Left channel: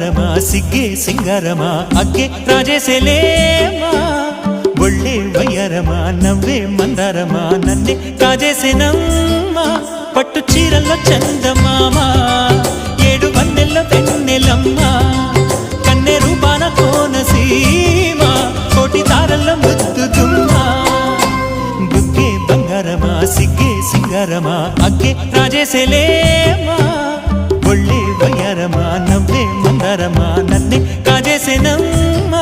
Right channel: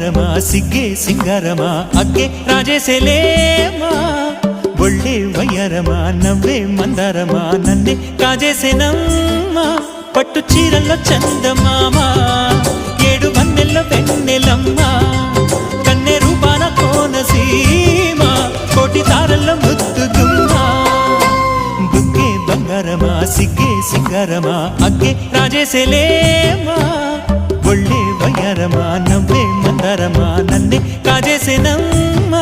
ಬಂಗಾರಮ ಸಿಗ್ಗೆ ಸಿಂಗಾರಮ ಅಗ್ಗೆ ರಾಜೇಸೆಲೇಮಾ ಒಳ್ಳೆ వయ్యారమా నవ్వే మందారమా నన్నే కాజేసేనమ్మా పట్టు చీరల్లో చందమామ ఏడు వన్నెల్లో వెన్నెలమ్మ కన్నె రూపాన కోనసీమ కోటి తారల్లో ముద్దుదుమ్మా బుగ్గే బంగారమా సిగ్గే సింగారమా అగ్గే రాజేసెలేమా ఒళ్ళే వయ్యారమా నవ్వే మందారమా నన్నే కాజేసేనమ్మా